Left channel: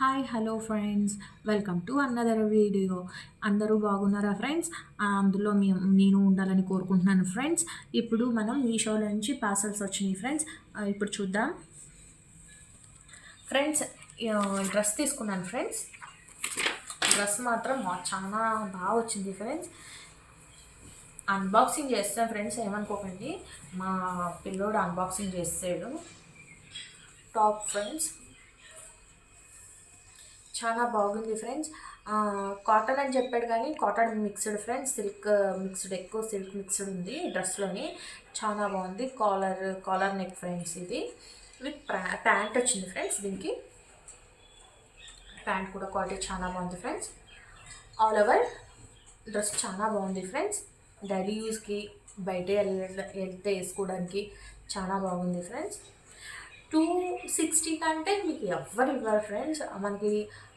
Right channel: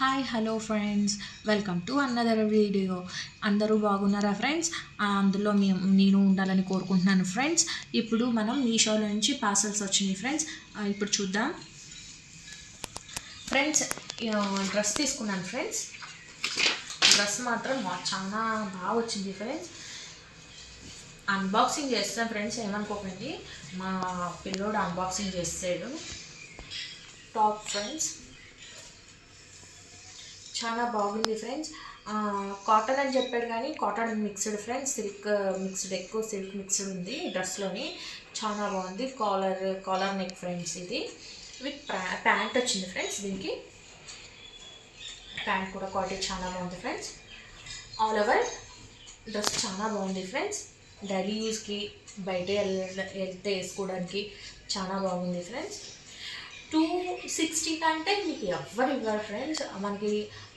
Hi hello friends, welcome to another video. అందరూ బాగున్నారా friends? అందులో నేను ఉండాలని కోరుకుంటున్నాను ఫ్రెండ్స్. ఇప్పుడు మనం మీషోలో నుంచి పార్సల్స్ వచ్చినాయి ఫ్రెండ్స్. ఇప్పుడు చూద్దాం ఫ్రెండ్స్. డ్రెస్ తీసుకున్నాను ఫ్రెండ్స్. డ్రెస్ మాత్రం చాలా బాగా వచ్చింది ఫ్రెండ్స్. అన్బాక్సింగ్ చేస్తాను ఫ్రెండ్స్, ఏమనుకోకండి. మా పిల్లోడు అన్బాక్సింగ్ చేస్తాడు. టాప్ ఫ్రెండ్స్ చాలా బాగుంది ఫ్రెండ్స్. కాటన్ అని చెప్పాడు కానీ cotton mixed friends, silk mixed, ఎక్కువ సిల్క్ మిక్స్డ్ ఉంది డ్రెస్లోని. చాలా బాగుంది. Collar neck friends. ఇది విత్ ప్యాంట్ వచ్చింది ఫ్రెండ్స్. దీనికి ప్యాంట్ కూడా క్వాలిటీ చాలా బాగుంది ఫ్రెండ్స్. ఆల్ ఓవర్ డ్రెస్ చాలా బాగుంది ఫ్రెండ్స్. డైలీ యూస్కి బయట వెళ్తే వేసుకోవడానికి చాలా బాగుంది ఫ్రెండ్స్. 260 కంటే మీకు ఎవ్వరు ఇవ్వరు ఫ్రెండ్స్. మనకి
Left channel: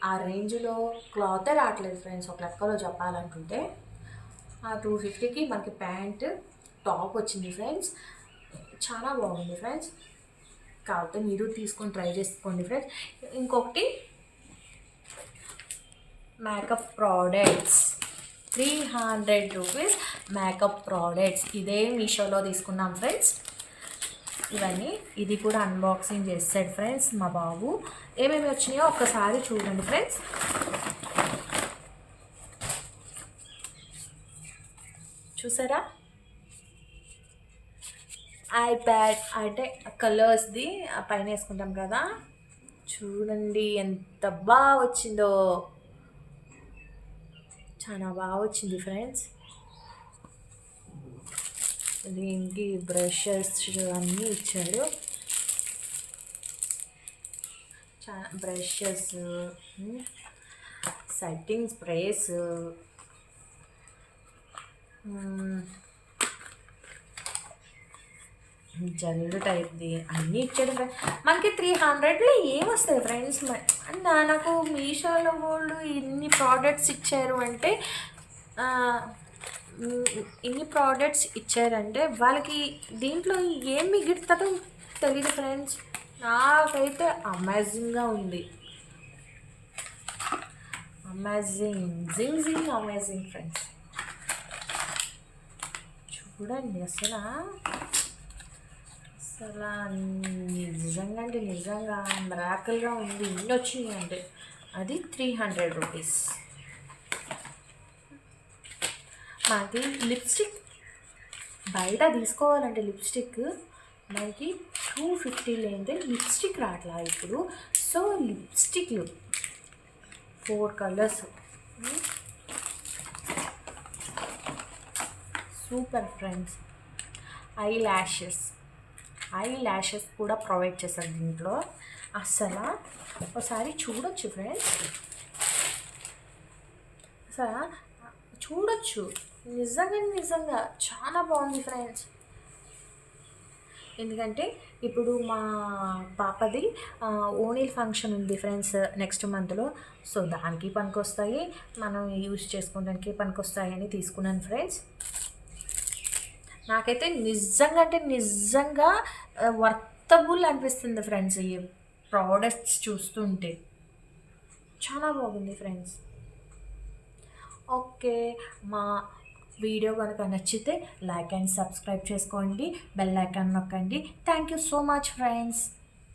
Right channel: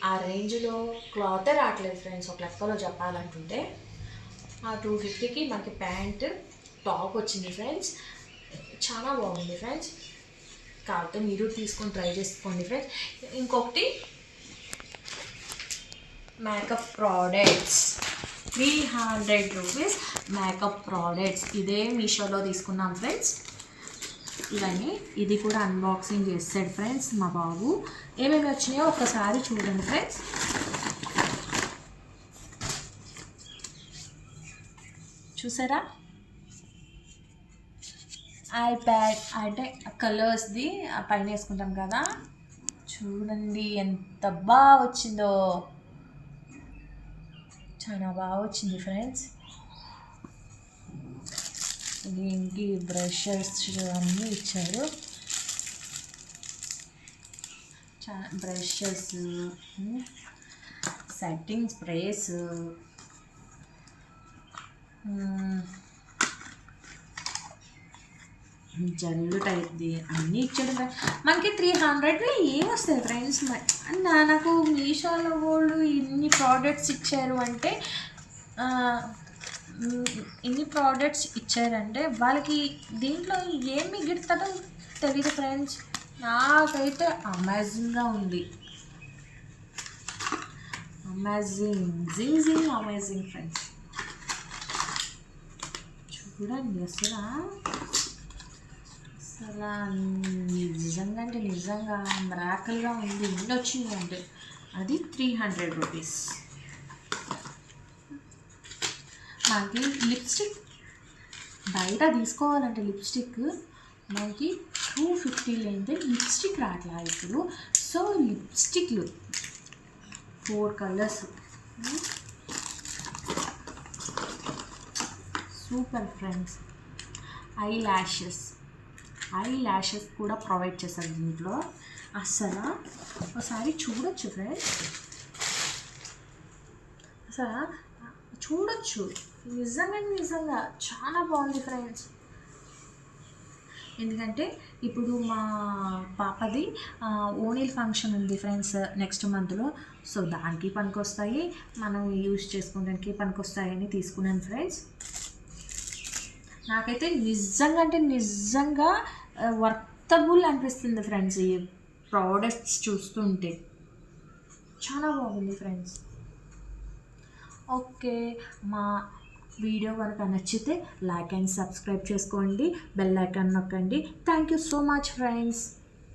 ఆ రేంజ్లో క్లాతే రావట్లేదు ఫ్రెండ్స్. ఒక లెక్కలో చెప్పాలంటుంటే ఆ 250కి మనకి ప్యాంట్ టాప్ వచ్చింది ఫ్రెండ్స్. చాలా బాగుంది ఫ్రెండ్స్. కాకపోతే మీరు తీసుకొని ట్రై చేసుకోండి ఫ్రెండ్స్. ఇంకొకటి makeup products, 300 rupees makeup products. ఇదే మీషోలో తీసుకున్నాం ఫ్రెండ్స్. ఇవన్నీ ఇది కూడా అన్బాక్సింగ్ చేస్తాడు ఫ్రెండ్స్ మా బాబు. ఏమేమి వచ్చినాయో ఒక్కసారి చూడండి ఫ్రెండ్స్. చూసారా? ఐప్యాడ్ అంటే కలర్స్ది పైన వేసుకుంటాం కదా, చూడండి ఎంత బాగా వచ్చిందో. చాలా బాగా వచ్చింది ఫ్రెండ్స్. దీనికి బ్రషెస్ అన్నీ ఇచ్చాడు. చాలా బ్రషెస్, సెట్టింగ్ స్ప్రేస్, జల్లు టైప్ది అన్నీ ఇచ్చాడు ఫ్రెండ్స్. మనకి 300లో ఏమొస్తుంది ఫ్రెండ్స్? నాకు మీషోలో వాళ్ళు ఇన్ని ప్రోడక్ట్స్ ఇచ్చారు అంటే, ఇన్ని ప్రోడక్ట్స్ ఇచ్చారంటే వాళ్ళకి దీంట్లో ఏం మిగులుతుందో తెలియదు ఫ్రెండ్స్. నాకైతే అమేజింగ్గా ఉంది. Amazing friends. చూడండి అసలు నిజంగా అంటే నిజంగా మిరాకిల్గా ఉంది. ఇన్ని వచ్చింది అంటే అది 300 రూపీస్. మనకి లిప్స్టిక్ బయట తీసుకోవాలంటే లిప్స్టిక్ మనకి 250 లేనిదే లిప్స్టిక్ రావట్లా ఇప్పుడు. సో లిప్స్టిక్లు 4 colours, super friends. Eye lashes కూడా ప్రొవైడ్ చేశారు దీంట్లో. అసలు ఒకసారి చూడొచ్చు ఫ్రెండ్స్. అసలు చూడొచ్చు. నిజంగా చాలా బాగుంది ఫ్రెండ్స్. ఎందుకంటే ఇప్పుడు మా పాపది ఓణీల్ ఫంక్షన్ ఉంది ఫ్రెండ్స్ నెక్స్ట్ మంత్లో. సో దానికి పనికొస్తాయి, మనం యూజ్ చేసుకోవడానికి పనికొస్తాయని తీసుకున్నాను ఫ్రెండ్స్. నాకైతే నిజంగా వర్తబుల్ అనిపిస్తుంది ఫ్రెండ్స్. ఈ ప్రోడక్ట్స్ చూస్తుంటే చాలా బాగుంది ఫ్రెండ్స్. ఓకే, మా వీడియో కనుక నచ్చితే లైక్ అండ్ సబ్స్క్రైబ్ చేసుకోండి, బెల్ ఐకాన్ నొక్కండి. Thank you so much friends.